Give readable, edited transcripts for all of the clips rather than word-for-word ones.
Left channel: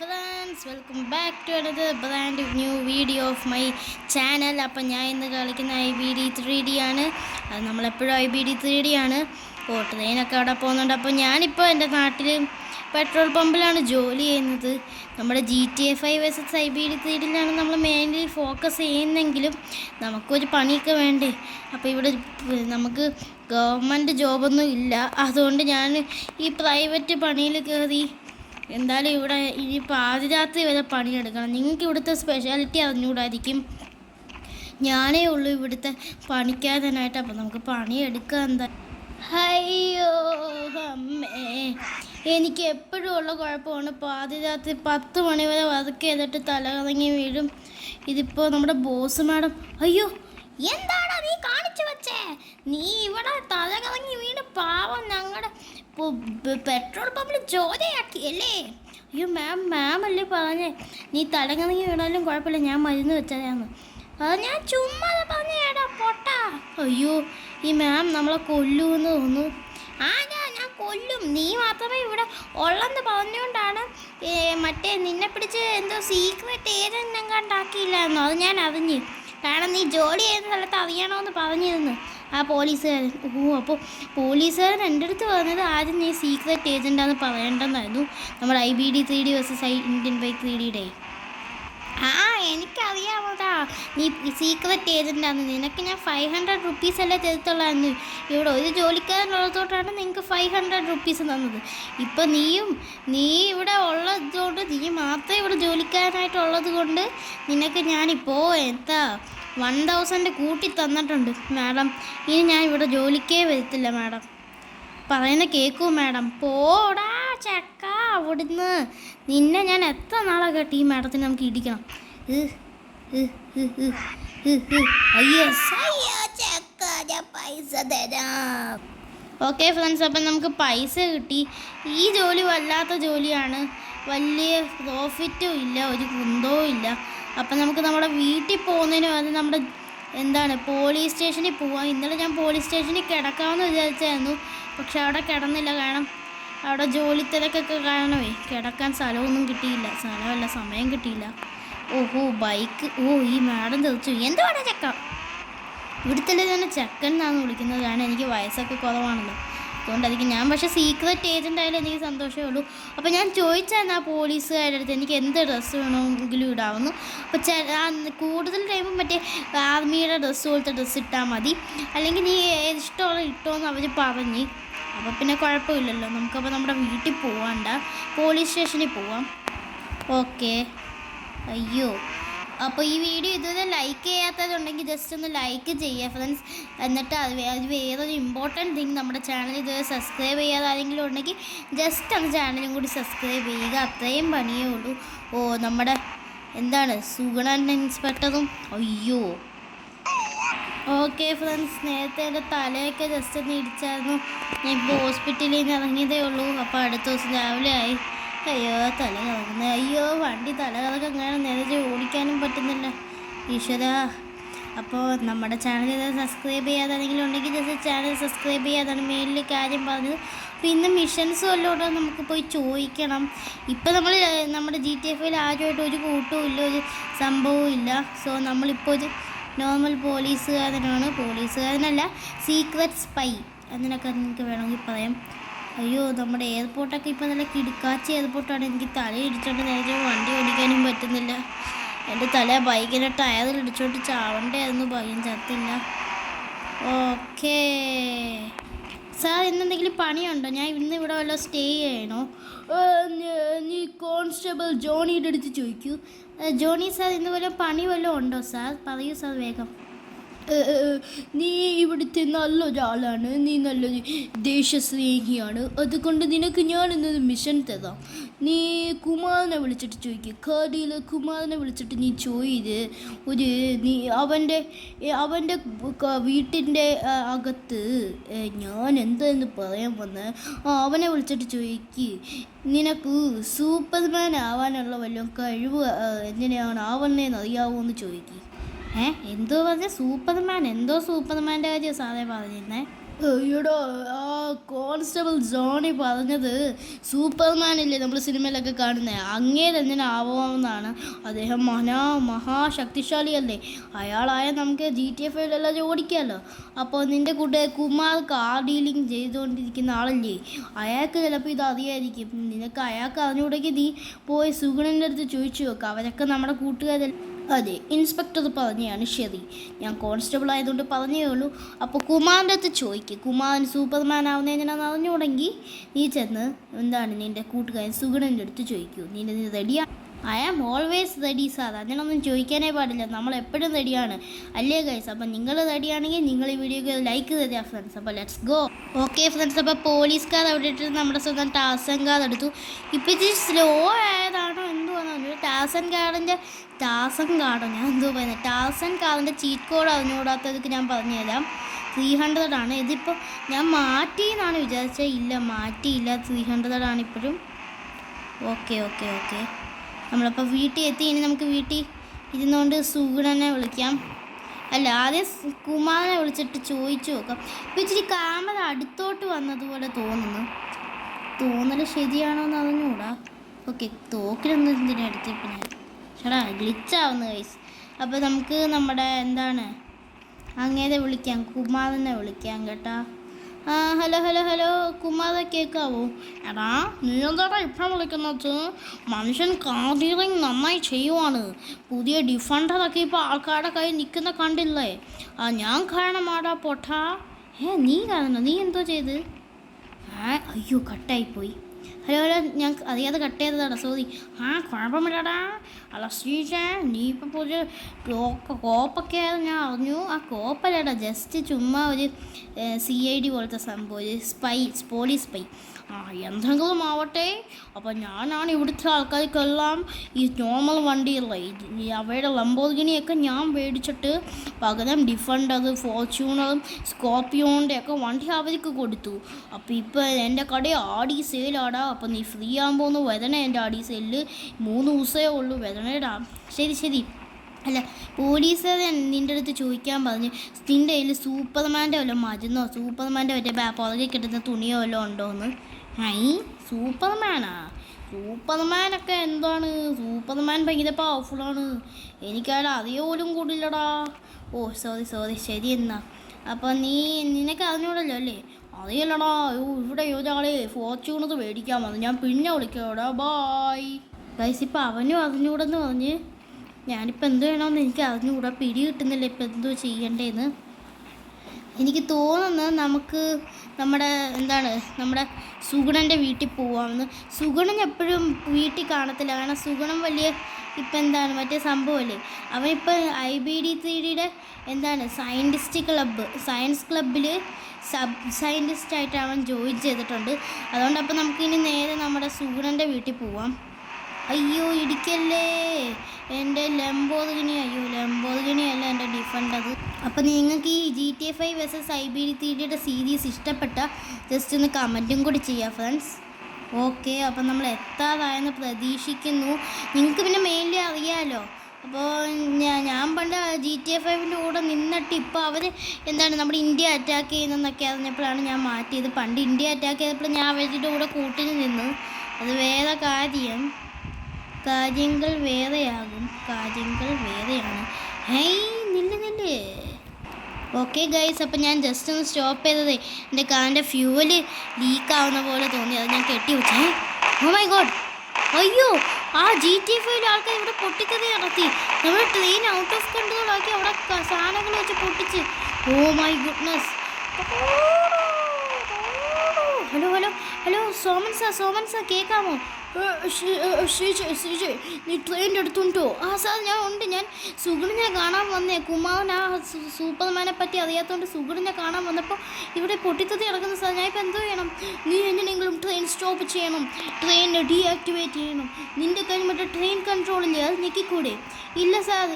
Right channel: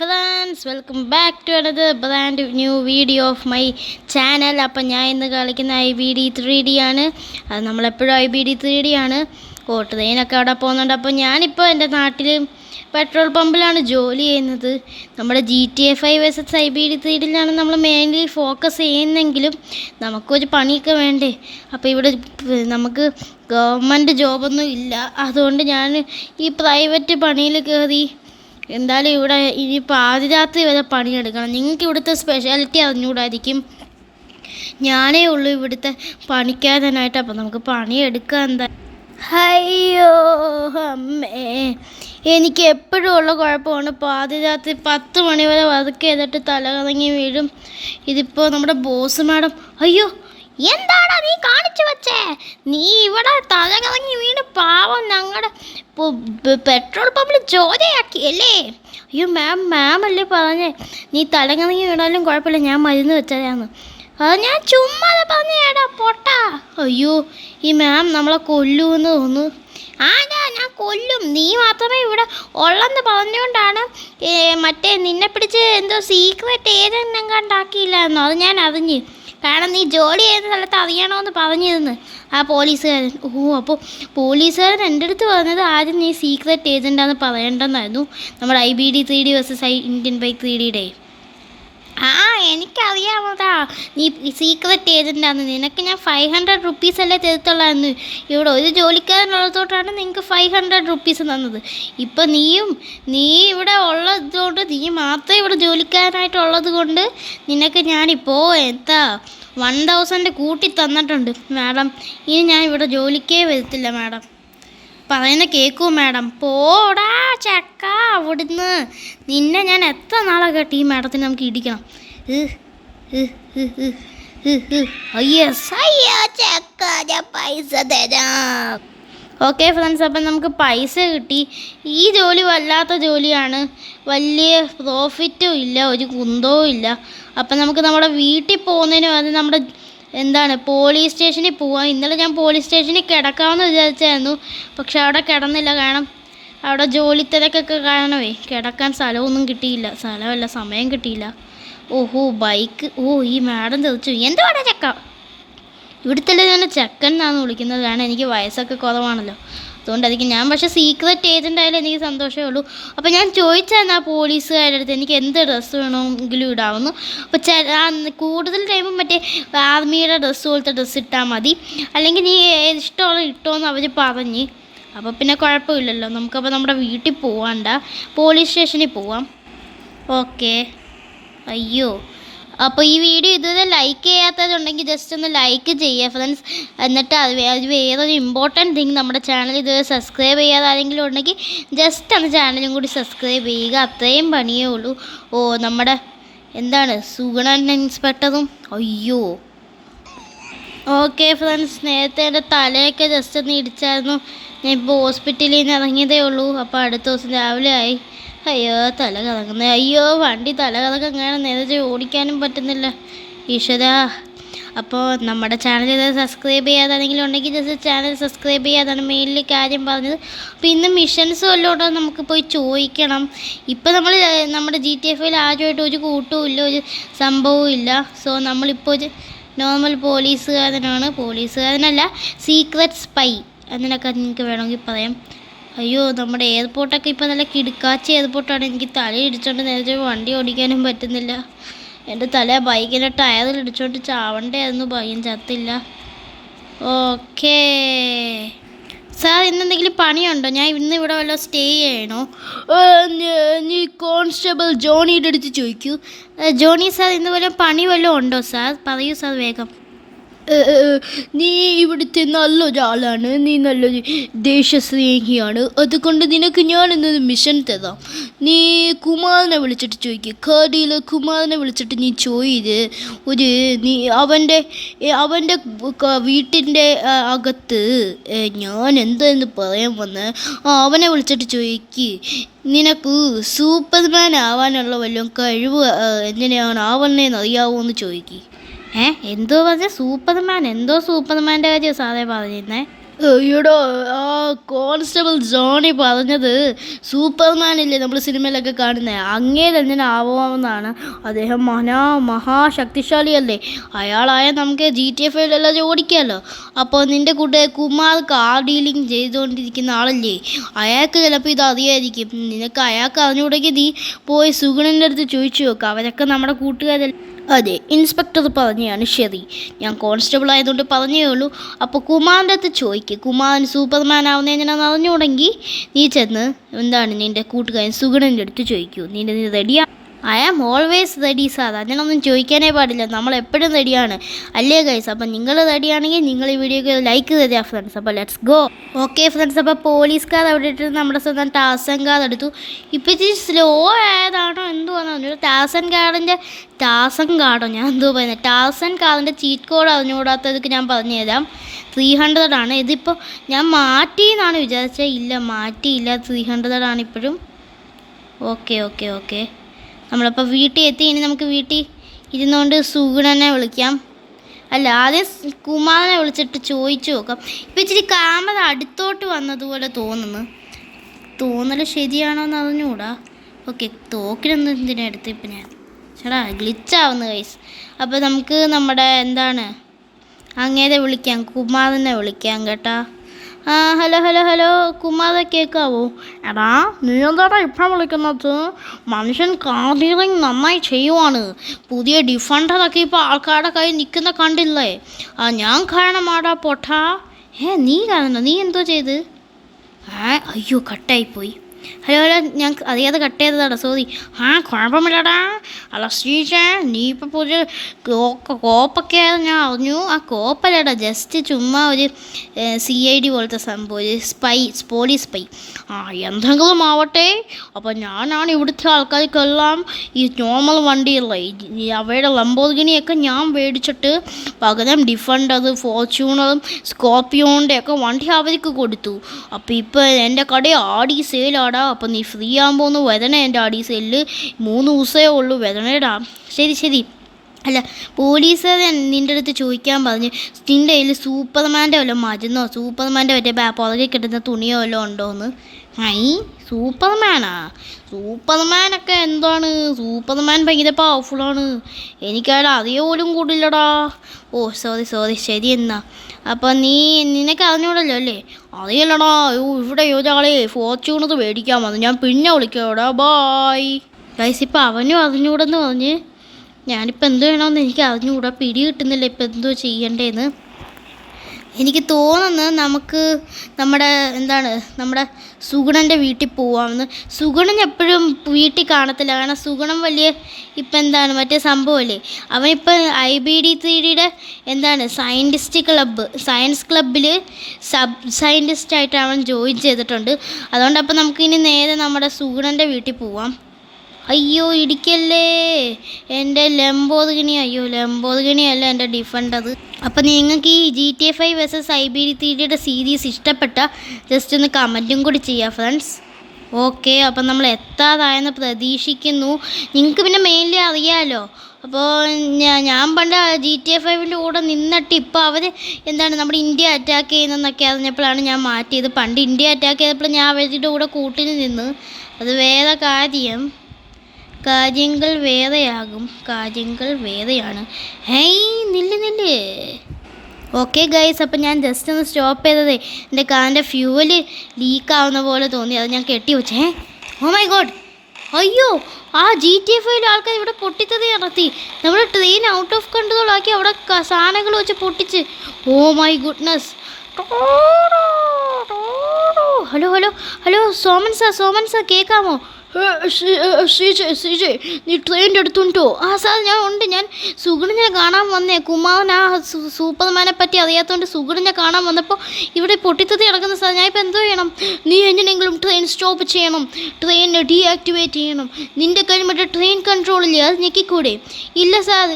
Friends, welcome back to another brand new video of my channel. അപ്പം ഞാൻ ഇന്ന് കളിക്കുന്ന IBD3D ആണ്. അത് നമ്മളെപ്പോഴും IBD3D ആണ്. ട്രെയിനൊക്കെ അവിടെ പോകുന്നുണ്ട്. അപ്പോൾ ഞാനിപ്പോൾ എൻ്റെ നാട്ടിൽ പെട്രോൾ പമ്പിലാണ് ജോലി ചെയ്യുന്നത്. നമ്മുടെ GTA 5 വേഴ്സസ് IBD3Dയിലാണ് നമ്മൾ മെയിൻലി ഫോക്കസ് ചെയ്യുന്നെങ്കിലും നമുക്കൊരു പണിയൊക്കെ വേണ്ടേ. അപ്പോൾ ഇവിടെ നമുക്ക് ഗവൺമെൻറ് ജോബൊന്നും ഇല്ല. അതുകൊണ്ട് ഞാൻ ഈ പ്രൈവറ്റ് പണിയിൽ കയറി എന്തായാലും ഇവിടെ ഇനി പാതിരാത്രി വരെ പണിയെടുക്കണം. നിങ്ങൾക്ക് ഇവിടുത്തെ സ്പെഷ്യാലിറ്റി അറിഞ്ഞുകൂടായിരിക്കും. ഞാനേ ഉള്ളൂ ഇവിടുത്തെ പണിക്കാരനായിട്ട്. അപ്പം നമുക്ക് പണിയെടുക്കാം. എന്താ അയ്യോ അമ്മേ, എനിക്ക് എപ്പോഴും ഉള്ള കുഴപ്പമാണ് പാതിരാത്രി 10 മണി വരെ വർക്ക് ചെയ്തിട്ട് തലകറങ്ങി വീഴും. ഇതിപ്പോൾ നമ്മുടെ ബോസ് മാഡം, അയ്യോ എന്താടാ നീ കാണിച്ചു വെച്ചേ, നീ ഇവിടെ തലകറങ്ങി വീണ് പാവം ഞങ്ങളുടെ പെട്രോൾ പമ്പിൽ ചോരയാക്കി അല്ലേ. അയ്യോ മാം അല്ലേ പറഞ്ഞേ നീ തലകറങ്ങി വീണാലും കുഴപ്പമില്ല, ഞാൻ മരുന്ന് വെച്ചതാന്ന്. അത് ഞാൻ ചുമ്മാതെ പറഞ്ഞേടാ പൊട്ടാ. അയ്യോ ഈ മാം നമ്മളെ കൊല്ലുമെന്ന് തോന്നുന്നു. ഞാൻ കൊല്ലും, നീ മാത്രമേ ഇവിടെ ഉള്ളെന്ന് പറഞ്ഞുകൊണ്ടാണ് മറ്റേ നിന്നെ പിടിച്ച് എന്തോ സീക്രട്ട് ഏതെങ്കിലും കണ്ടാക്കിയില്ലായിരുന്നോ. അത് ഞാൻ അറിഞ്ഞ്, കാരണം നീ ജോലി ചെയ്യുന്ന സ്ഥലത്ത് അറിയണമെന്ന് പറഞ്ഞിരുന്നു ആ പോലീസുകാരൻ. അപ്പോൾ പോലീസുകാരൻ എൻ്റെ അടുത്ത് പറഞ്ഞത് ആദ്യം നീ സീക്രട്ട് ഏജൻ്റാന്ന് പറയേണ്ടെന്നായിരുന്നു നമ്മുടെ IBD3D വേഴ്സസ് ഇന്ത്യൻ ബൈക്ക് 3Dയുടെ. എനിക്കറിയാമതാ നീ സീക്രട്ട് ഏജൻ്റാന്ന്. നിനക്ക് ഞാൻ 500 റുപ്പീസ് അല്ലേ തരത്തുള്ളായിരുന്നു. ഇവിടെ ഒരു ജോലിക്കാരനുള്ളതോട്ടാണ് നിങ്ങൾക്ക് 500 റുപ്പീസ് തന്നത്. ഇപ്പം നീ ഇവിടെ ഉള്ളതുകൊണ്ട്, നീ മാത്രമേ ഇവിടെ ജോലിക്കാരനായിട്ടുള്ളത് കൊണ്ട് നിനക്ക് ഞാനിപ്പോൾ 1000 കൂട്ടി തന്നിട്ടുണ്ട് മാഡം. ഇനി ഞാൻ ഇവിടെ ജോലിക്കേ വരത്തില്ല മാഡം. പറയുന്ന കേൾക്കൂ മാഡം. പോടാ ചക്ക അവിടുന്ന്. നിന്നെ ഞാൻ എത്ര നാളെ കേട്ട് ഈ മാഡത്തിന് നമുക്ക് ഇടിക്കണം. ചക്ക ഞാൻ പൈസ തരാം. ഓക്കെ ഫ്രണ്ട്സ്, അപ്പം നമുക്ക് പൈസ കിട്ടി. ഈ ജോലി വല്ലാത്ത ജോലിയാണ്, വലിയ പ്രോഫിറ്റും ഇല്ല, ഒരു കുന്തവും ഇല്ല. അപ്പം നമുക്ക് നമ്മുടെ വീട്ടിൽ പോകുന്നതിന് അത് നമ്മുടെ പോലീസ് സ്റ്റേഷനിൽ പോവാം. ഇന്നലെ ഞാൻ പോലീസ് സ്റ്റേഷനിൽ കിടക്കാമെന്ന് വിചാരിച്ചായിരുന്നു, പക്ഷെ അവിടെ കിടന്നില്ല. കാരണം അവിടെ ജോലി തിരക്കൊക്കെ കാരണമേ കിടക്കാൻ സ്ഥലമൊന്നും കിട്ടിയില്ല. സ്ഥലമല്ല, സമയം കിട്ടിയില്ല. ബൈക്ക്. ഈ മാഡം തെറിച്ചു. എന്തുവാണ് ചക്ക? ഇവിടുത്തെ തന്നെ ചെക്കൻ എന്നാണ് വിളിക്കുന്നത്. കാരണം എനിക്ക് വയസ്സൊക്കെ കുറവാണല്ലോ, അതുകൊണ്ടായിരിക്കും. ഞാൻ പക്ഷേ സീക്രട്ട് ഏജൻ്റ് ആയാലും എനിക്ക് സന്തോഷമേ ഉള്ളൂ. അപ്പോൾ ഞാൻ ചോദിച്ചായിരുന്നു ആ പോലീസുകാരുടെ അടുത്ത് എനിക്ക് എന്ത് ഡ്രസ്സ് വേണമെങ്കിലും ഇടാവുന്നു. അപ്പോൾ കൂടുതൽ ടൈമും മറ്റേ ആർമിയുടെ ഡ്രസ്സ് പോലത്തെ ഡ്രസ്സ് ഇട്ടാൽ മതി, അല്ലെങ്കിൽ നീ ഇഷ്ടമുള്ള ഇട്ടോന്ന് അവർ പറഞ്ഞ്. അപ്പോൾ പിന്നെ കുഴപ്പമില്ലല്ലോ. നമുക്കപ്പോൾ നമ്മുടെ വീട്ടിൽ പോവാണ്ട, പോലീസ് സ്റ്റേഷനിൽ പോവാം. ഓക്കെ. അയ്യോ, അപ്പോൾ ഈ വീഡിയോ ഇതുവരെ ലൈക്ക് ചെയ്യാത്തതുണ്ടെങ്കിൽ ജസ്റ്റ് ഒന്ന് ലൈക്ക് ചെയ്യുക ഫ്രണ്ട്സ്. എന്നിട്ട് അത് വേറൊരു ഇമ്പോർട്ടൻറ്റ് തിങ്, നമ്മുടെ ചാനൽ ഇതുവരെ സബ്സ്ക്രൈബ് ചെയ്യാതെ ആരെങ്കിലും ഉണ്ടെങ്കിൽ ജസ്റ്റ് അത് ചാനലും കൂടി സബ്സ്ക്രൈബ് ചെയ്യുക. അത്രയും പണിയേ ഉള്ളൂ. നമ്മുടെ സുഗുണൻ ഇൻസ്പെക്ടറും. അയ്യോ ഓക്കെ ഫ്രണ്ട്സ്, നേരത്തെ എൻ്റെ തലയൊക്കെ ജസ്റ്റ് ഒന്ന് ഇടിച്ചായിരുന്നു. ഞാൻ ഇപ്പോൾ ഹോസ്പിറ്റലിൽ നിന്ന് ഇറങ്ങിയതേ ഉള്ളൂ. അപ്പോൾ അടുത്ത ദിവസം രാവിലെ ആയി. അയ്യോ തല കറങ്ങുന്നത്. അയ്യോ വണ്ടി തല കറങ്ങാൻ നേരത്തെ ഓടിക്കാനും പറ്റുന്നില്ല. ഈശ്വരാ. അപ്പോൾ നമ്മുടെ ചാനൽ ഇത് സബ്സ്ക്രൈബ് ചെയ്യാതാണെങ്കിലും ഉണ്ടെങ്കിൽ ജസ്റ്റ് ചാനൽ സബ്സ്ക്രൈബ് ചെയ്യാതാണ് മെയിൻലി കാര്യം പറഞ്ഞത്. അപ്പോൾ ഇന്ന് മിഷൻസ് വല്ലതും നമുക്ക് പോയി ചോദിക്കണം. ഇപ്പോൾ നമ്മുടെ GTA 5 ആദ്യമായിട്ട് ഒരു കൂട്ടവും ഇല്ല, ഒരു സംഭവവും ഇല്ല. സോ നമ്മളിപ്പോൾ ഒരു നോർമൽ പോലീസുകാരനല്ല, സീക്രട്ട് സ്പൈ എന്നൊക്കെ നിങ്ങൾക്ക് വേണമെങ്കിൽ പറയാം. അയ്യോ നമ്മുടെ എയർപോർട്ടൊക്കെ ഇപ്പോൾ നല്ല കിടുക്കാച്ചി എയർപോർട്ടാണ്. എനിക്ക് തല ഇടിച്ചോണ്ട് നേരത്തെ വണ്ടി ഓടിക്കാനും പറ്റുന്നില്ല. എൻ്റെ തല ബൈക്കിൻ്റെ ടയറിൽ ഇടിച്ചോണ്ട് ചാവണ്ടായിരുന്നു, ഭയം ചത്തില്ല. Okay sir, ഇന്നെന്തെങ്കിലും പണിയുണ്ടോ? ഞാൻ ഇന്ന് ഇവിടെ വല്ലതും സ്റ്റേ ചെയ്യണോ? നീ കോൺസ്റ്റബിൾ ജോണിയുടെ അടുത്ത് ചോദിക്കൂ. ജോണി സാർ, ഇന്ന് വല്ല പണി വല്ലതും ഉണ്ടോ സാർ? പറയൂ സാർ വേഗം. നീ ഇവിടുത്തെ നല്ലൊരാളാണ്, നീ നല്ലൊരു ദേശസ്നേഹിയാണ്, അതുകൊണ്ട് നിനക്ക് ഞാൻ ഇന്നൊരു മിഷൻ തരാം. നീ കുമാരനെ വിളിച്ചിട്ട് ചോദിക്കുക. ഖാദിയിലെ കുമാരനെ വിളിച്ചിട്ട് നീ നീ അവൻ്റെ വീട്ടിൻ്റെ അകത്ത് ഞാൻ എന്താന്ന് പറയാൻ വന്ന് അവനെ വിളിച്ചിട്ട് ചോദിക്കുക. നിനക്ക് സൂപ്പർമാൻ ആവാനുള്ള വല്ലതും കഴിവ് എങ്ങനെയാണ് ആവണേന്ന് അറിയാവോ എന്ന് ചോദിക്കുക. എന്തോ പറഞ്ഞ സൂപ്പർമാൻ? എന്തോ സൂപ്പർമാൻ്റെ കാര്യം സാറേ പറഞ്ഞിരുന്നേ. ഈടോ ആ കോൺസ്റ്റബിൾ ജോണി പറഞ്ഞത് സൂപ്പർമാനില്ലേ നമ്മൾ സിനിമയിലൊക്കെ കാണുന്നത് അങ്ങേ തന്നെ ആവാമെന്നാണ്. അദ്ദേഹം മഹാശക്തിശാലിയല്ലേ. അയാളായ നമുക്ക് GTA 5 ഓടിക്കാമല്ലോ. അപ്പോൾ നിൻ്റെ കൂടെ കുമാർ കാർ ഡീലിംഗ് ചെയ്തുകൊണ്ടിരിക്കുന്ന ആളല്ലേ, അയാൾക്ക് ചിലപ്പോൾ ഇത് അറിയായിരിക്കും. നിനക്ക് അയാൾക്ക് അറിഞ്ഞുകൂടെങ്കിൽ നീ പോയി സുഗുണൻ്റെ അടുത്ത് ചോദിച്ചു നോക്കുക. അവരൊക്കെ നമ്മുടെ കൂട്ടുകാരല്ലേ. അതെ, ഇൻസ്പെക്ടർ പറഞ്ഞതാണ് ശരി. ഞാൻ കോൺസ്റ്റബിൾ ആയതുകൊണ്ട് പറഞ്ഞേ ഉള്ളൂ. അപ്പോൾ കുമാറിൻ്റെ അടുത്ത് ചോദിക്കുക. കുമാരൻ സൂപ്പർമാൻ ആവുന്ന എങ്ങനെയാണെന്ന് അറിഞ്ഞുകൂടെങ്കിൽ നീ ചെന്ന് നിൻ്റെ കൂട്ടുകാരൻ സുഗുണൻ്റെ അടുത്ത് ചോദിക്കൂ. നീ റെഡിയാണ്? I am always ready sir. അതിനൊന്നും ചോദിക്കാനേ പാടില്ല, നമ്മളെപ്പോഴും റെഡിയാണ് അല്ലേ ഗൈസ്? അപ്പം നിങ്ങൾ റെഡിയാണെങ്കിൽ നിങ്ങൾ ഈ വീഡിയോക്ക് ലൈക്ക് തരിക ഫ്രണ്ട്സ്. അപ്പോൾ ലെറ്റ്സ് ഗോ. ഓക്കെ ഫ്രണ്ട്സ്, അപ്പോൾ പോലീസുകാർ അവിടെ ഇട്ട് നമ്മുടെ സ്വന്തം ടാസൻ കാർഡ് എടുത്തു. ഇപ്പം ഇത് സ്ലോ ആയതാണോ എന്തുവാണെന്ന് ടാസൻ കാർഡോ ഞാൻ എന്തോ പറയുന്നത്. ടാസൻ കാർഡിൻ്റെ ചീറ്റ് കോഡ് അറിഞ്ഞുകൂടാത്തതൊക്കെ ഞാൻ പറഞ്ഞുതരാം. 300 ആണ്. ഇതിപ്പോൾ ഞാൻ മാറ്റി എന്നാണ് വിചാരിച്ചത്. ഇല്ല, മാറ്റിയില്ല, 300 ആണ് ഇപ്പോഴും. ഓക്കെ നമ്മളപ്പോൾ വീട്ടിൽ എത്തി. ഇനി നമുക്ക് വീട്ടിൽ ഇരുന്നുകൊണ്ട് സുഗുണനെ വിളിക്കാം. അല്ല, ആദ്യം കുമാരനെ വിളിച്ചിട്ട് ചോദിച്ചു നോക്കാം. ഇപ്പം ഇച്ചിരി ക്യാമറ അടുത്തോട്ട് വന്നതുപോലെ തോന്നൽ ശരിയാണോ എന്ന് അറിഞ്ഞുകൂടാ. ഓക്കെ, തോക്കിനൊന്നും എന്തിനാ എടുത്ത് ഇപ്പം ഞാൻ ചേട്ടാ ഗ്ലിച്ചാവുന്നു ഗൈസ്. അപ്പോൾ നമുക്ക് നമ്മുടെ അങ്ങേരെ വിളിക്കാം, കുമാരനെ വിളിക്കാം കേട്ടാ. ഹലോ കുമാര കേൾക്കാവോ? എടാ നീ എന്താടാ ഇപ്പം വിളിക്കുന്നത്? മനുഷ്യൻ കാർ ഡീലിംഗ് നന്നായി ചെയ്യുവാണ്. പുതിയ ഡിഫൻഡറൊക്കെ ഇപ്പോൾ ആൾക്കാരുടെ കയ്യിൽ നിൽക്കുന്ന കണ്ടില്ലേ? ഞാൻ കാണമാടാ പൊട്ടാ. നീ കാണുന്നോ? നീ എന്തോ ചെയ്ത്? അയ്യോ കട്ടായിപ്പോയി. ഹലോ ഞാൻ അറിയാതെ കട്ട് ചെയ്തതാടാ, സോറി. കുഴപ്പമില്ലടാ. അല്ല ശ്രീജേ, നീ ഇപ്പം പുതിയ കോപ്പൊക്കെ ആയിരുന്നു ഞാൻ അറിഞ്ഞു. ആ കോപ്പല്ലടാ, ജസ്റ്റ് ചുമ്മാ ഒരു CID പോലത്തെ സംഭവം, ഒരു പോലീസ് സ്പൈ. എന്തെങ്കിലും ആവട്ടെ. അപ്പോൾ ഞാനാണ് ഇവിടുത്തെ ആൾക്കാർക്കെല്ലാം ഈ നോർമൽ വണ്ടിയല്ലേ, അവയുടെ ലംബോർഗിനിയൊക്കെ ഞാൻ മേടിച്ചിട്ട് പകരം ഡിഫൻഡർ, ഫോർച്യൂണറും സ്കോർപ്പിയോൻ്റെ ഒക്കെ വണ്ടി അവർക്ക് കൊടുത്തു. അപ്പോൾ ഇപ്പോൾ എൻ്റെ കടയിൽ ആടി സെയിലാടാ. അപ്പോൾ നീ ഫ്രീ ആകുമ്പോൾ ഒന്ന് വരണേ എൻ്റെ ആടി സെയിലിൽ. 3 ദിവസമേ ഉള്ളൂ, വരണേടാ. ശരി. അല്ല, പോലീസുകാരൻ നിൻ്റെ അടുത്ത് ചോദിക്കാൻ പറഞ്ഞു, നിൻ്റെ കയ്യിൽ സൂപ്പർമാൻ്റെ വല്ലതും മരുന്നോ, സൂപ്പർമാൻ്റെ മറ്റേ പുറകെ കിട്ടുന്ന തുണിയോ വല്ലതും ഉണ്ടോയെന്ന്. സൂപ്പർമാനൊക്കെ എന്താണ്? സൂപ്പർമാൻ ഭയങ്കര പവർഫുള്ളാണ്. എനിക്കവിടെ അറിയ പോലും കൂടില്ലടാ. സോറി ശരി എന്നാ. അപ്പം നിനക്ക് അറിഞ്ഞൂടല്ലോ അല്ലേ? അറിയില്ലടാ. ഇവിടെ ഒരാളെ ഫോർച്യൂണർ മേടിക്കാൻ വന്നു. ഞാൻ പിന്നെ വിളിക്കാടാ, ബായ് ഗൈസ്. ഇപ്പം അവനും അറിഞ്ഞൂടെന്ന് പറഞ്ഞ് ഞാനിപ്പോൾ എന്ത് വേണമെന്ന് എനിക്ക് അറിഞ്ഞുകൂടാ. പിടി കിട്ടുന്നില്ല ഇപ്പം എന്തോ ചെയ്യണ്ടേന്ന്. എനിക്ക് തോന്നുന്നത് നമുക്ക് നമ്മുടെ സുഗുണൻ്റെ വീട്ടിൽ പോവാമെന്ന്. സുഗുണൻ എപ്പോഴും വീട്ടിൽ കാണത്തില്ല, കാരണം സുഗുണൻ വലിയ ഇപ്പം മറ്റേ സംഭവമല്ലേ. അവനിപ്പോൾ IBD3യുടെ സയൻസ് ക്ലബ്ബിൽ സയൻറ്റിസ്റ്റായിട്ട് അവൻ ജോയിൻ ചെയ്തിട്ടുണ്ട്. അതുകൊണ്ട് അപ്പോൾ നമുക്കിനി നേരെ നമ്മുടെ സുഗുണൻ്റെ വീട്ടിൽ പോവാം. അയ്യോ ഇടിക്കല്ലേ എൻ്റെ ലംബോർഗിനി. ലംബോർഗിനിയല്ല എൻ്റെ ഡിഫൻഡർ. അപ്പോൾ നിങ്ങൾക്ക് ഈ GTA 5 vs IBD3യുടെ സീരീസ് ഇഷ്ടപ്പെട്ട ജസ്റ്റ് ഒന്ന് കമൻറ്റും കൂടി ചെയ്യാം ഫ്രണ്ട്സ്. ഓക്കെ, അപ്പം നമ്മൾ എത്താറായെന്ന് പ്രതീക്ഷിക്കുന്നു. നിങ്ങൾക്ക് പിന്നെ മെയിൻലി അറിയാമല്ലോ. അപ്പോൾ ഞാൻ പണ്ട് GTA 5ൻ്റെ കൂടെ നിന്നിട്ട് ഇപ്പോൾ അവർ നമ്മുടെ ഇന്ത്യ അറ്റാക്ക് ചെയ്യുന്നതെന്നൊക്കെ അറിഞ്ഞപ്പോഴാണ് ഞാൻ മാറ്റിയത്. പണ്ട് ഇന്ത്യ അറ്റാക്ക് ചെയ്തപ്പോൾ ഞാൻ അവരുടെ കൂടെ കൂട്ടിന് നിന്നു. അത് വേറെ കാര്യങ്ങൾ വേറെയാണ്. നില്ല്. ഓക്കെ ഗൈസ്, അപ്പം ഞാൻ ജസ്റ്റ് ഒന്ന് സ്റ്റോപ്പ് ചെയ്തതേ എൻ്റെ കാറിൻ്റെ ഫ്യൂവൽ ലീക്കാവുന്ന പോലെ തോന്നി. അത് ഞാൻ കെട്ടി വെച്ചേ. ഓ മൈ ഗോഡ്, അയ്യോ ആ GTA 5 ആൾക്കാർ ഇവിടെ പൊട്ടിക്കത് നടത്തി. നമ്മുടെ ട്രെയിൻ ഔട്ട് ഓഫ് കൺട്രോൾ ആക്കി അവിടെ സാധനങ്ങൾ വെച്ച് പൊട്ടിച്ച്. Oh my goodness. Hello Soman sir കേൾക്കാമോ? ശ്രീജയ് നീ ട്രെയിനിൻ്റെ അടുത്തുണ്ടോ? സാർ ഞാൻ സുഗുണനെ കാണാൻ വന്നേ. കുമാരൻ സൂപ്പർമാനെ പറ്റി അറിയാത്തതുകൊണ്ട് സുഗുണനെ കാണാൻ വന്നപ്പോൾ ഇവിടെ പൊട്ടിത്തതി കിടക്കുന്ന സാർ. ഞാൻ ഇപ്പോൾ എന്തോ ചെയ്യണം? നീ എങ്ങനെയെങ്കിലും ട്രെയിൻ സ്റ്റോപ്പ് ചെയ്യണം, ട്രെയിൻ ഡീആക്ടിവേറ്റ് ചെയ്യണം. നിൻ്റെ കയ്യിൽ മറ്റേ ട്രെയിൻ കൺട്രോളില്ലേ, അത് ഞെക്കിക്കൂടെ? ഇല്ല സാർ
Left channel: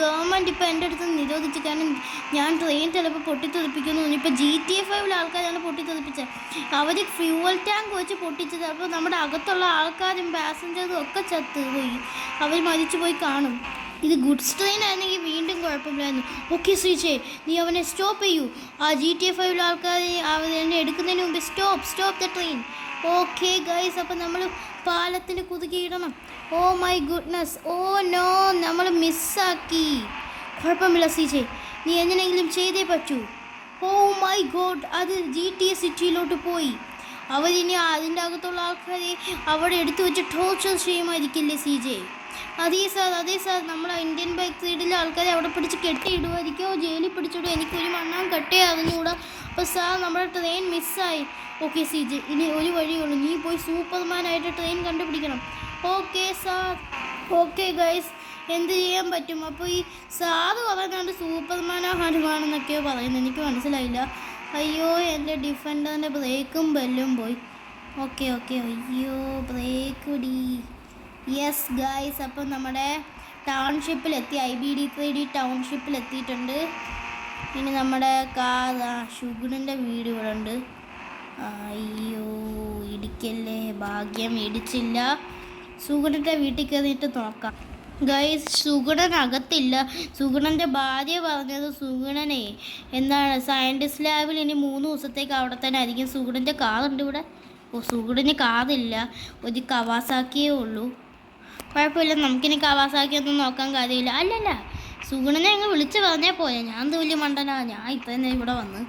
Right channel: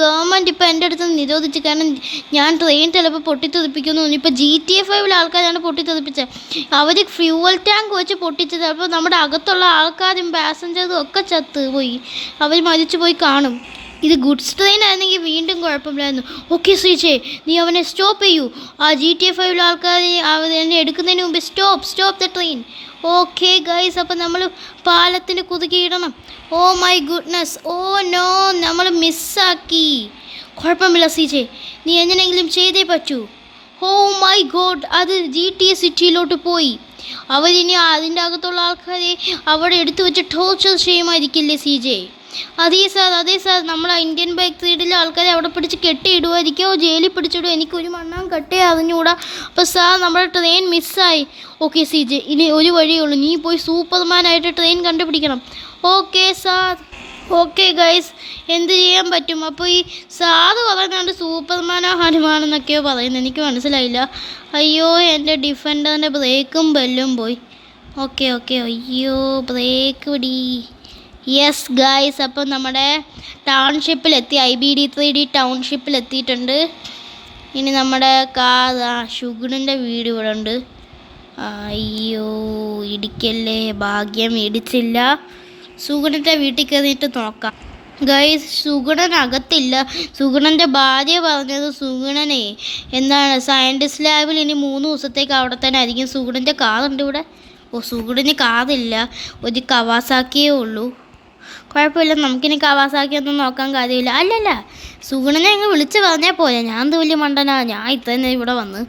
ഗവൺമെൻറ് ഇപ്പോൾ എൻ്റെ അടുത്ത് നിരോധിച്ചു. കാരണം ഞാൻ ട്രെയിൻ ചിലപ്പോൾ പൊട്ടിത്തെറിപ്പിക്കുന്നു. ഇപ്പോൾ GTA 5 ആൾക്കാരാണ് പൊട്ടിത്തെറിപ്പിച്ചത്. അവർ ഫ്യൂവൽ ടാങ്ക് വെച്ച് പൊട്ടിച്ചത്. അപ്പോൾ നമ്മുടെ അകത്തുള്ള ആൾക്കാരും പാസഞ്ചറും ഒക്കെ ചത്തുപോയി. അവർ മരിച്ചു പോയി കാണും. ഇത് ഗുഡ്സ് ട്രെയിൻ ആയിരുന്നെങ്കിൽ വീണ്ടും കുഴപ്പമില്ലായിരുന്നു. ഓക്കെ ശ്രീജെ, നീ അവനെ സ്റ്റോപ്പ് ചെയ്യൂ. ആ GTA 5 ആൾക്കാർ അവനെ എടുക്കുന്നതിന് മുമ്പ് stop the train. Okay guys, അപ്പം നമ്മൾ പാലത്തിന് കുതുക്കിയിടണം. Oh my goodness, oh no, നമ്മൾ മിസ്സാക്കി. കുഴപ്പമില്ല ശ്രീജെ, നീ എങ്ങനെയെങ്കിലും ചെയ്തേ പറ്റൂ. ഓ മൈ ഗോഡ്, അത് GTA സിറ്റിയിലോട്ട് പോയി. അവരിനി അതിൻ്റെ അകത്തുള്ള ആൾക്കാരെ അവിടെ എടുത്തു വെച്ച് ടോർച്ചർ ചെയ്യുമായിരിക്കില്ലേ CJ? അതേ സാർ, നമ്മൾ ഇന്ത്യൻ ബൈക്ക് റൈഡിലെ ആൾക്കാരെ അവിടെ പിടിച്ച് കെട്ടിയിടുമായിരിക്കോ, ജയിലിൽ പിടിച്ചിടുമോ, എനിക്കൊരു മണ്ണാൻ കട്ടേ അറിഞ്ഞുകൂടാ. അപ്പോൾ സാർ, നമ്മുടെ ട്രെയിൻ മിസ്സായി. ഓക്കെ CJ, ഇനി ഒരു വഴിയുള്ളൂ, നീ പോയി സൂപ്പർമാനായിട്ട് ട്രെയിൻ കണ്ടുപിടിക്കണം. Okay sir. ഓക്കെ ഗൈസ്, എന്ത് ചെയ്യാൻ പറ്റും? അപ്പോൾ ഈ സാറ് പറയുന്നുണ്ട് സൂപ്പർമാനോ ഹനുമാനെന്നൊക്കെയോ പറയുന്നത്, എനിക്ക് മനസ്സിലായില്ല. അയ്യോ, എൻ്റെ ഡിഫൻഡറിൻ്റെ ബ്രേക്കും ബെല്ലും പോയി. ഓക്കെ അയ്യോ, ബ്രേക്ക് പിടി. യെസ് ഗൈസ്, അപ്പോൾ നമ്മുടെ ടൗൺഷിപ്പിലെത്തി, IBD3D ടൗൺഷിപ്പിലെത്തിയിട്ടുണ്ട്. ഇനി നമ്മുടെ ഷുഗറിൻ്റെ വീട് ഇവിടെ ഉണ്ട്. അയ്യോ, ഇടിക്കല്ലേ, ഭാഗ്യം ഇടിച്ചില്ല. സുഗുണൻ്റെ വീട്ടിൽ കയറിയിട്ട് നോക്കാം ഗൈസ്. സുഗുണൻ അകത്തില്ല. സുഗുണൻ്റെ ഭാര്യ പറഞ്ഞത് സുഗുണനെ എന്താണ് സയൻറ്റിസ്റ്റ് ലാബിൽ ഇനി 3 ദിവസത്തേക്ക് അവിടെ തന്നെ ആയിരിക്കും. സുഗുണൻ്റെ കാറുണ്ട് ഇവിടെ. ഓ, സുഗുണന് കാറില്ല, ഒരു കവാസാക്കിയേ ഉള്ളൂ. കുഴപ്പമില്ല, നമുക്കിനി കവാസാക്കി ഒന്നും നോക്കാൻ കാര്യമില്ല. അല്ലല്ല, സുഗുണനെ അങ്ങ് വിളിച്ച് പറഞ്ഞാൽ പോരെ. ഞാൻ എന്ത് വലിയ മണ്ടനാ, ഞാൻ ഇത്രയും ഇവിടെ വന്ന്.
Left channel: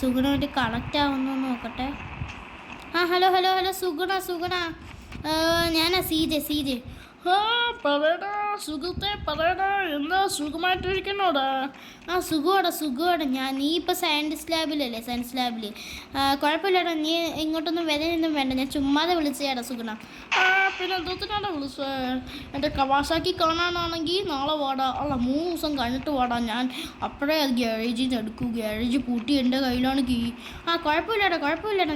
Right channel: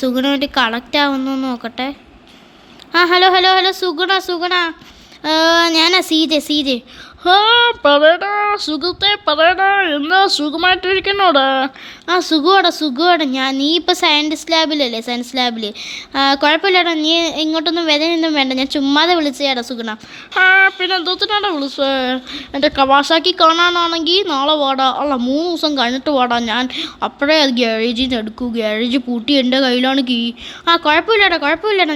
സുഗുണ വേണ്ടി കളക്റ്റ് ആവുന്നു നോക്കട്ടെ. ഹലോ സുഗുണ, ഞാനാ CJ. പറയടാ സുഖത്തെ, പറയടാ, എന്താ സുഖമായിട്ടിരിക്കുന്നോടാ? സുഖമാണ്. നീ ഇപ്പോൾ സയൻസ് ലാബിൽ. കുഴപ്പമില്ലടാ, നീ ഇങ്ങോട്ടൊന്നും വരാനൊന്നും വേണ്ട, ഞാൻ ചുമ്മാതെ വിളിച്ചേടാ സുഗുണ. പിന്നെ എന്തോത്തിനാണ് വിളിച്ചത്? എൻ്റെ കവാസാക്കി കാണാനാണെങ്കിൽ നാളെ വാടാ, അല്ല 3 ദിവസം കഴിഞ്ഞിട്ട് വാടാ. ഞാൻ അപ്പോഴേ അത് ഗ്യാരേജിൽ നിന്ന് എടുക്കൂ. ഗ്യാരേജ് പൂട്ടി എൻ്റെ കയ്യിലാണ് കീ. കുഴപ്പമില്ലടാ,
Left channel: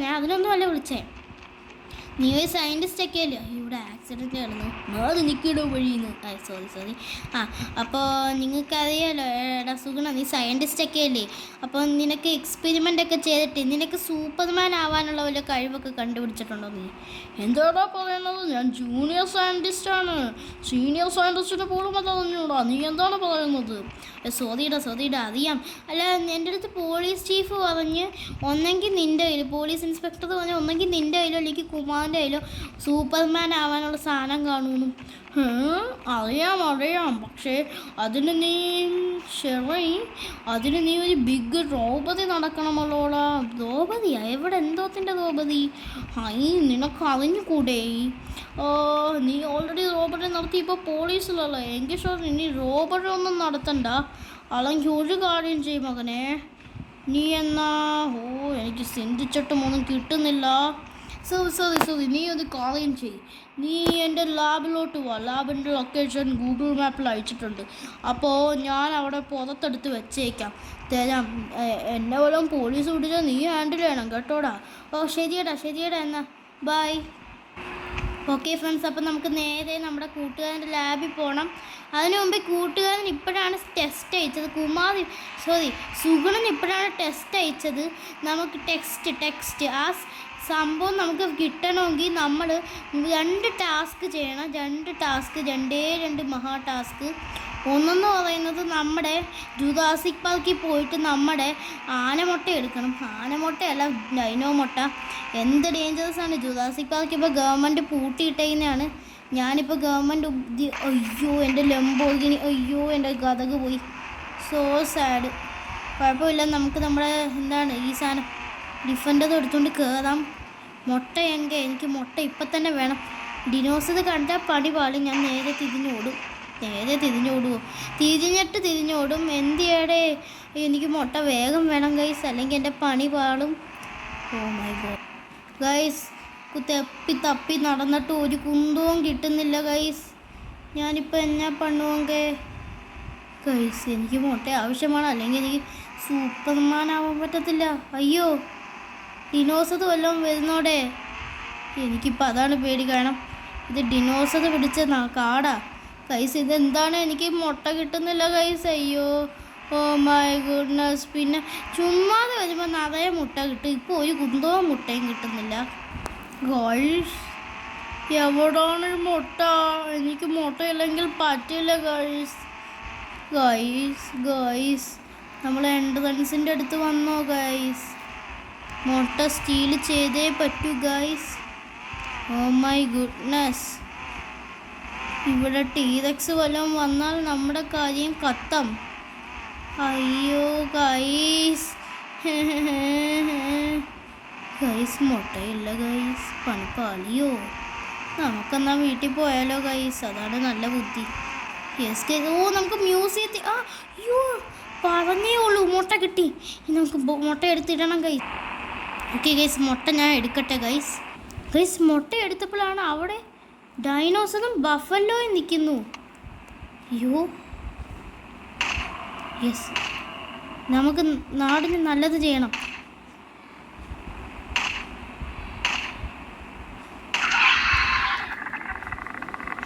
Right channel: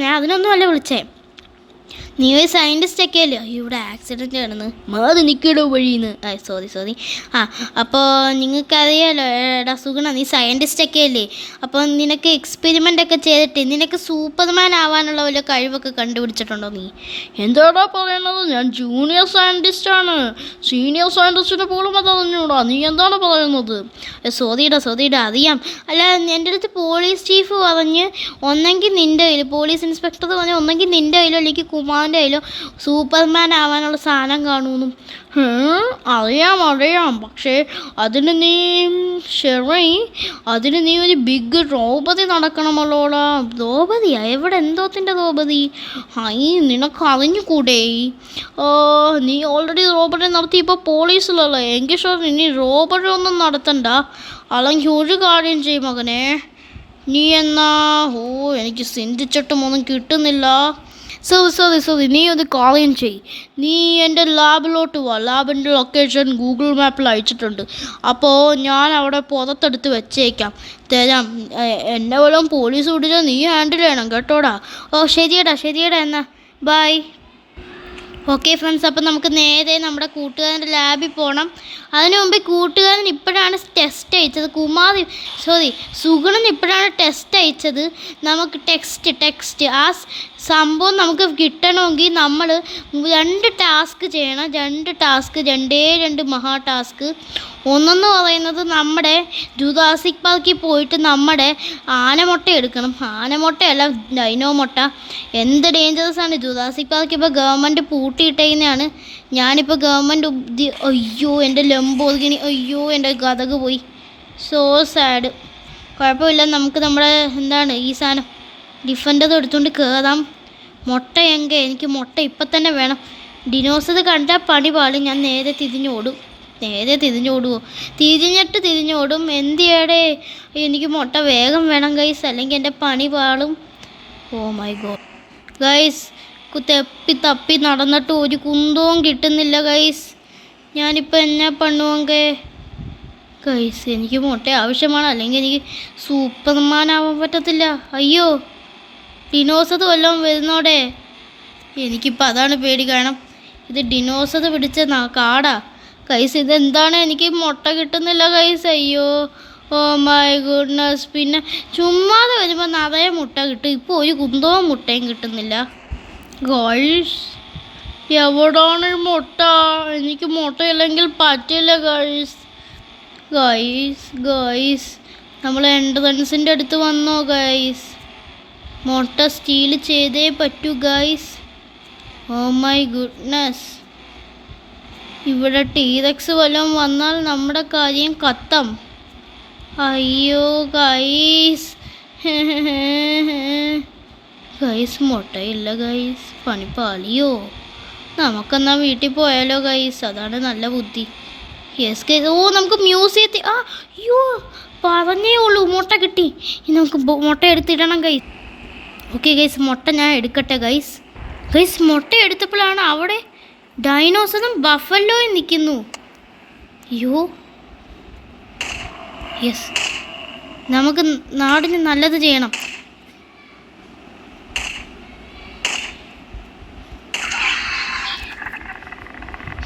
ഞാൻ അതിനൊന്നും അല്ല വിളിച്ചേ. നീ ഒരു സയൻറ്റിസ്റ്റ് ഒക്കെ അല്ലേ? ഇവിടെ ആക്സിഡൻറ്റ് കിടന്ന് മാറി നിൽക്കടോ വഴിന്ന്. സോറി. അപ്പോൾ നിങ്ങൾക്കറിയാലോ എടാ സുഗുണ, നീ സയൻറ്റിസ്റ്റ് ഒക്കെ അല്ലേ? അപ്പോൾ നിനക്ക് എക്സ്പെരിമെൻ്റ് ഒക്കെ ചെയ്തിട്ട് നിനക്ക് സൂപ്പർമാൻ ആവാനുള്ള വല്ല കഴിവൊക്കെ കണ്ടുപിടിച്ചിട്ടുണ്ടോ നീ? എന്താടാ പറയുന്നത്? ഞാൻ ജൂനിയർ സയൻറ്റിസ്റ്റാണ്. സീനിയർ സയൻറ്റിസ്റ്റിന് പോലും അത് അറിഞ്ഞൂടാ. നീ എന്താണ് പറയുന്നത്? സോറിയുടെ അറിയാം. അല്ല, എൻ്റെ അടുത്ത് പോലീസ് ചീഫ് പറഞ്ഞ് ഒന്നെങ്കിൽ നിൻ്റെ കയ്യിൽ, പോലീസ് ഇൻസ്പെക്ടർ പറഞ്ഞ് ഒന്നെങ്കിൽ നിൻ്റെ കയ്യിലോ അല്ലെങ്കിൽ കുമാറിൻ്റെ കയ്യിലോ സൂപ്പർമാൻ ആവാനുള്ള സാധനം കാണുമെന്നും. അറിയാം, പക്ഷേ അതിന് നീ ഒരു ബിഗ് റോബറി നടക്കണമല്ലോടാ. റോബറിയാ? എവിടെ? എന്തോത്തിൻ്റെ റോബറി? നിനക്ക് അറിഞ്ഞുകൂടെ? നീ ഓൾറെഡി റോബറി നടത്തി, ഇപ്പോൾ പോലീസിലല്ലേ. എങ്കിൽ ഷോർ ഇനി റോബറി ഒന്നും നടത്തണ്ട. അല്ലെങ്കിൽ ഒരു കാര്യം ചെയ്യും മകനെ, നീ എനിക്ക് ചിന്തിച്ചിട്ടും ഒന്നും കിട്ടുന്നില്ല. സോറി, നീ ഒരു കാര്യം ചെയ്യും. നീ എൻ്റെ ലാബിലോട്ട് വാ. ലാബിൻ്റെ ലൊക്കേഷൻ ഗൂഗിൾ മാപ്പിൽ അയച്ചിട്ടുണ്ട്. അപ്പോൾ ഞാൻ അവിടെ പുറത്തെടുത്ത് വെച്ചേക്കാം, തരാം. എന്നെ വല്ലതും പോലീസ് പിടിച്ചാൽ നീ ഹാൻഡിൽ ചെയ്യണം കേട്ടോടാ. ശരിയടാ എന്നാ ബൈ. ഓക്കെ ഫ്രണ്ട്സ്, അപ്പം നമുക്ക് നേരെ നമ്മുടെ കൂട്ടുകാരൻ്റെ ലാബിൽ പോകണം. അതിനു മുമ്പ് കൂട്ടുകാരൻ ഇപ്പോഴാണ് ടെസ്റ്റ് അയച്ചത്. സുഗുണൻ ഇപ്പോഴാണ് ടെസ്റ്റ് അയച്ചത്. നമുക്ക് ടെക്സ്റ്റ് ആ സംഭവം നമുക്ക് കിട്ടണമെങ്കിൽ നമ്മൾ 2 ടാസ്ക് ചെയ്യണം. 2 ടാസ്ക്, 2 മഹാ ടാസ്ക്. ഒന്നെന്ന് പറയുന്നത് നമ്മുടെ ജുറാസിക് പാർക്കിൽ പോയിട്ട് നമ്മുടെ ആനമുട്ട എടുക്കണം. ആനമുട്ടയല്ല, ഡൈനോ മുട്ട. എന്ത് ഡേഞ്ചറസ് ആണ് ജുറാസിക് പാർക്ക്. ഇപ്പോൾ ഗവൺമെൻറ് പൂട്ടിയിട്ടേക്കുന്നതാണ്. ഞാനിപ്പോൾ ഗവൺമെൻറ് അയ്യോ, എൻ്റെ ലംബോർഗിനി, അയ്യോ എൻ്റെ ഗതക് പോയി. So sad. കുഴപ്പമില്ല, നമുക്ക് നമ്മുടെ ഈ സാധനം ഡിഫൻഡർ എടുത്തുകൊണ്ട് കയറാം. മുട്ട എനിക്ക് മുട്ട ഇപ്പം തന്നെ വേണം. ഡിനോസർ കണ്ടാൽ പണി പാടും. ഞാൻ നേരെ തിരിഞ്ഞോടും. തിരിഞ്ഞോടും. എന്തിയാടെ, എനിക്ക് മുട്ട വേഗം വേണം ഗൈസ്, അല്ലെങ്കിൽ എൻ്റെ പണി പാളും. ഓ മൈ ഗോഡ് ഗൈസ്, തപ്പി നടന്നിട്ട് ഒരു കുന്തവും കിട്ടുന്നില്ല ഗൈസ്. ഞാനിപ്പോൾ എന്നാ പണുവെങ്കിൽ ഗൈസ്, എനിക്ക് മുട്ട ആവശ്യമാണ്, അല്ലെങ്കിൽ എനിക്ക് സൂപ്പർമാൻ ആവാൻ പറ്റത്തില്ല. അയ്യോ, ഡിനോസർ വല്ലതും വരുന്നോടെ. എനിക്കിപ്പോൾ അതാണ് പേടി. കാരണം ഇത് ഡിനോസർ പിടിച്ച കാടാ ഗൈസ്. ഇതെന്താണ്, എനിക്ക് മുട്ട കിട്ടുന്നില്ല ഗൈസ്. അയ്യോ, ഓ മൈ ഗുഡ്നസ്. പിന്നെ ചുമ്മാതെ വരുമ്പോൾ നിറയെ മുട്ട കിട്ടും. ഇപ്പോൾ ഒരു കുന്തവും മുട്ടയും കിട്ടുന്നില്ല ഗൈസ്. എവിടാണ് മുട്ട? എനിക്ക് മുട്ടയില്ലെങ്കിൽ പറ്റില്ല ഗൈസ്. ഗൈസ് നമ്മൾ എൻട്രൻസിൻ്റെ അടുത്ത് വന്നോ ഗൈസ്? മുട്ട സ്റ്റീൽ ചെയ്തേ പറ്റൂ ഗൈസ്. ഓ മൈ ഗുഡ്നസ്, ഇവിടെ ടീറക്സ് വല്ലതും വന്നാൽ നമ്മുടെ കാര്യം കത്തം. അയ്യോ ഗൈസ്. ഗൈസ് മുട്ടയില്ല ഗൈസ്, പണിപ്പാളിയോ? നമുക്കെന്നാ വീട്ടിൽ പോയാലോ ഗൈസ്? അതാണ് നല്ല ബുദ്ധി. Yes guys. ഓ നമുക്ക് മ്യൂസിയത്തിൽ അയ്യോ പറഞ്ഞേ ഉള്ളൂ മുട്ട കിട്ടി. ഇനി നമുക്ക് മുട്ട എടുത്തിടണം ഗൈസ്. ഓക്കെ ഗൈസ്, മുട്ട ഞാൻ എടുക്കട്ടെ ഗൈസ്. മുട്ട എടുത്തപ്പോഴാണ് അവിടെ ഡൈനോസറും ബഫലോയും നിൽക്കുന്നു. അയ്യോ യെസ്, നമുക്ക് നാടിന് നല്ലത് ചെയ്യണം.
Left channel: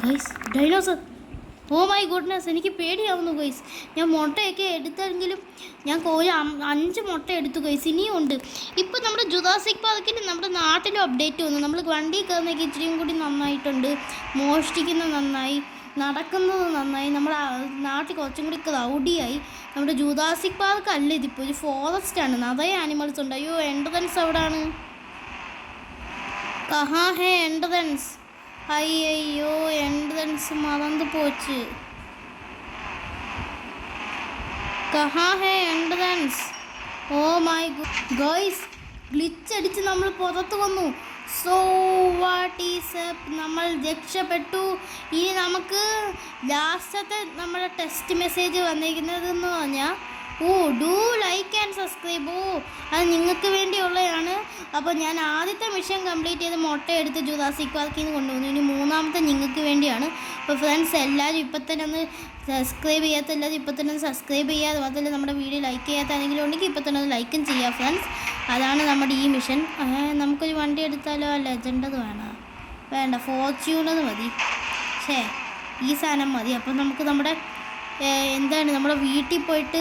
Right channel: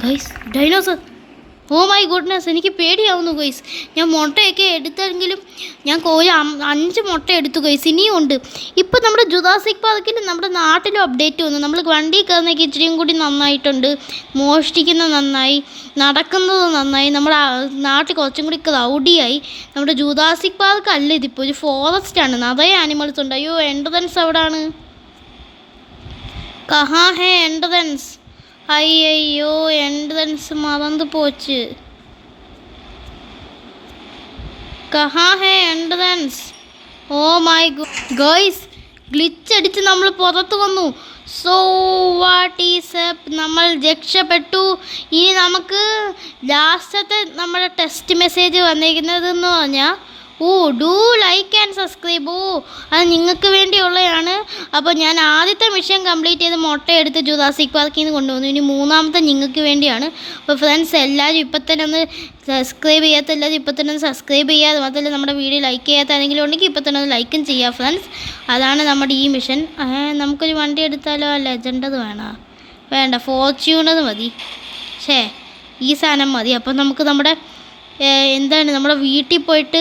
Guys dinosaur, oh my goodness, എനിക്ക് പേടിയാവുന്നു ഗൈസ്. ഞാൻ മുട്ടയൊക്കെ എടുത്തെങ്കിലും ഞാൻ 5 മുട്ട എടുത്തു ഗൈസ്, ഇനിയും ഉണ്ട്. ഇപ്പം നമ്മുടെ ജുറാസിക് പാർക്കിൽ നമ്മുടെ നാട്ടിലും അപ്ഡേറ്റ് വന്നു. നമ്മൾ വണ്ടി കയറുന്നതൊക്കെ ഇച്ചിരിയും കൂടി നന്നായിട്ടുണ്ട്. മോഷ്ടിക്കുന്നത് നന്നായി, നടക്കുന്നത് നന്നായി. നമ്മുടെ നാട്ടിൽ കുറച്ചും കൂടി ക്രൗഡിയായി. നമ്മുടെ ജുറാസിക് പാർക്ക് അല്ല ഇതിപ്പോൾ, ഒരു ഫോറസ്റ്റാണ്, നിറയെ ആനിമൽസ് ഉണ്ട്. അയ്യോ എൻട്രൻസ് എവിടാണ്? കഹാ ഹേ എൻട്രൻസ്? അയ്യോ എൻട്രൻസ് മറന്നു പോച്ച്. കഹാ ഹേ എൻട്രൻസ്? ഓ മൈ ഗോയ്സ്, ഗ്ലിച്ച് അടിച്ച് നമ്മൾ പുറത്ത് വന്നു. സോ വാട്ട് ഈസ് അപ്പ്, നമ്മൾ രക്ഷപ്പെട്ടു. ഇനി നമുക്ക് ലാസ്റ്റത്തെ നമ്മുടെ ടെസ്റ്റ് മെസ്സേജ് വന്നിരിക്കുന്നതെന്ന് പറഞ്ഞാൽ ഡു ലൈക്ക് ആൻഡ് സബ്സ്ക്രൈബ്. അത് നിങ്ങൾക്ക് വേണ്ടിയുള്ളതാണ്. അപ്പോൾ ഞാൻ ആദ്യത്തെ മിഷൻ കംപ്ലീറ്റ് ചെയ്ത് മുട്ടയെടുത്ത് ജുറാസിക് പാർക്കിൽ നിന്ന് കൊണ്ടുവന്നു. ഇനി മൂന്നാമത്തെ നിങ്ങൾക്ക് വേണ്ടിയാണ്. അപ്പോൾ ഫ്രണ്ട്സ് എല്ലാവരും ഇപ്പം തന്നെ ഒന്ന് സബ്സ്ക്രൈബ് ചെയ്യാത്തല്ലാതെ ഇപ്പം തന്നെ ഒന്ന് സബ്സ്ക്രൈബ് ചെയ്യുക. അതുമാത്രമല്ല നമ്മുടെ വീഡിയോ ലൈക്ക് ചെയ്യാത്ത ആരെങ്കിലും ഉണ്ടെങ്കിൽ ഇപ്പം തന്നെ ഒന്ന് ലൈക്കും ചെയ്യുക ഫ്രണ്ട്സ്. അതാണ് നമ്മുടെ ഈ മിഷൻ. നമുക്കൊരു വണ്ടി എടുത്താലോ? ലെജൻഡത് വേണ്ട, ഫോർച്യൂണർ മതി. ഈ സാധനം മതി. അപ്പം നമുക്ക് നമ്മുടെ നമ്മുടെ വീട്ടിൽ പോയിട്ട്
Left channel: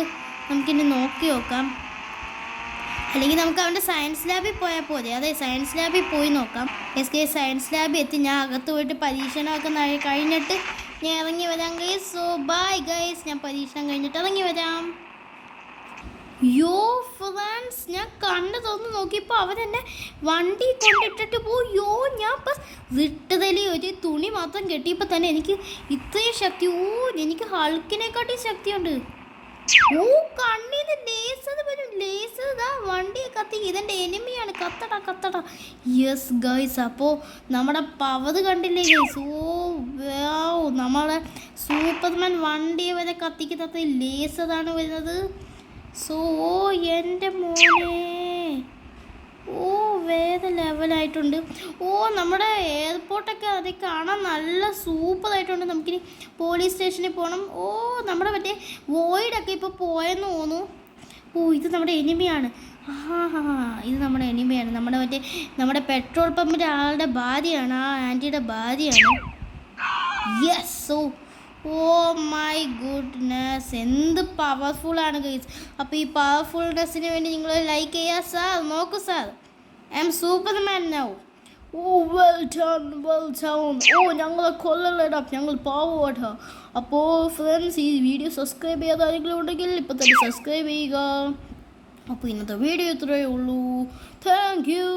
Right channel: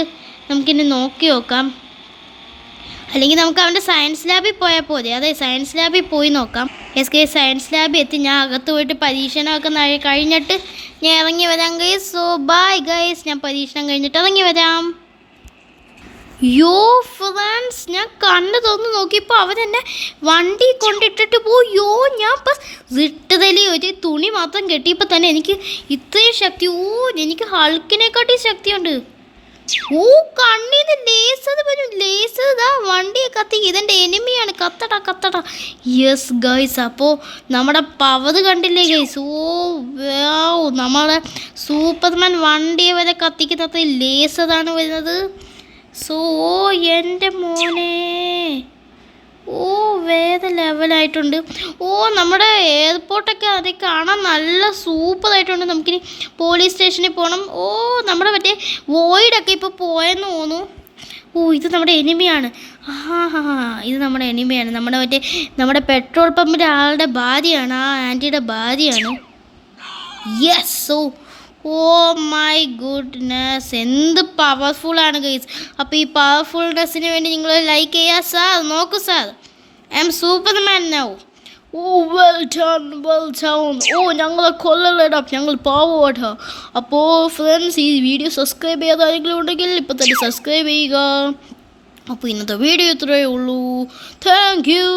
നമുക്കിനി നോക്കി നോക്കാം. അല്ലെങ്കിൽ നമുക്ക് അവൻ്റെ സയൻസ് ലാബിൽ പോയാൽ പോരെ? അതെ, സയൻസ് ലാബിൽ പോയി നോക്കാം. സയൻസ് ലാബിൽ എത്തി. ഞാൻ അകത്ത് പോയിട്ട് പരീക്ഷണമൊക്കെ കഴിഞ്ഞിട്ട് ഞാൻ ഇറങ്ങി വരാം ഗൈസ്. സോ ബൈ ഗൈസ്, ഞാൻ പരീക്ഷണം കഴിഞ്ഞിട്ട് ഇറങ്ങി വരാം. യോ ഫ്രണ്ട്സ്, ഞാൻ കണ്ണ് തുറന്ന് നോക്കിയപ്പോൾ അവരെന്നെ വണ്ടി കൊണ്ടിട്ടിട്ട് പോയോ. ഞാൻ ഇപ്പം റിട്ടതിൽ ഒരു തുണി മാത്രം കെട്ടിയപ്പോൾ തന്നെ എനിക്ക് ഇത്രയും ശക്തി. എനിക്ക് ഹൾക്കിനെക്കാട്ടി ശക്തിയുണ്ട്. കണ്ണീന്ന് ലേസർ വരും. ലേസർ ഇതാ വണ്ടിയെ കത്തി. ഇതെൻ്റെ എനിമിയാണ്. കത്തട. യെസ് ഗൈസ്, അപ്പോൾ നമ്മുടെ പവർ കണ്ടില്ലേ ഗൈസ്? നമ്മളെ സൂപ്പർമാൻ വണ്ടിയെ വരെ കത്തിക്കുന്നത് ലേസറാണ് വരുന്നത്. സോ എൻ്റെ മോനെ, വേറെ ലെവലായിട്ടുണ്ട്. നമ്മുടെ എയർപോർട്ടൊക്കെ അതിൽ കാണാൻ നല്ല സൂപ്പറായിട്ടുണ്ട്. നമുക്കിനി പോലീസ് സ്റ്റേഷനിൽ പോകണം. നമ്മുടെ മറ്റേ വോയിഡൊക്കെ ഇപ്പോൾ പോയെന്ന് തോന്നുന്നു. ഇത് നമ്മുടെ എനിമിയാണ്. ഇത് നമ്മുടെ എനിമിയാണ്. നമ്മുടെ പെട്രോൾ പമ്പിൻ്റെ ആളുടെ ഭാര്യയാണ്. ആൻറ്റിയുടെ ഭാര്യയാണ്. യെസ്. മൈ ഗുഡ്നസ്, എന്ത് പവർഫുള്ളാണ് ഗൈസ്. അപ്പോൾ ഈ പവർഫുൾനെസ്സിന് വേണ്ടി നിങ്ങൾ ലൈക്ക് ചെയ്യുക. സാർ നോക്കൂ sir, I am Superman now. Well done. ഞങ്ങളെ കൊല്ലലടാ, ഞങ്ങൾ പാവോട്ടാ. അപ്പോൾ ഫ്രണ്ട്സ്, ഈ വീഡിയോ സബ്സ്ക്രൈബ് ചെയ്യാതെ ആരെങ്കിലും ഉണ്ടെങ്കിൽ ഇപ്പം തന്നെ സബ്സ്ക്രൈബ് ചെയ്യുക. അപ്പോൾ ഇന്നത്തെ വീഡിയോ ഇത്രയേ ഉള്ളൂ. Thank you.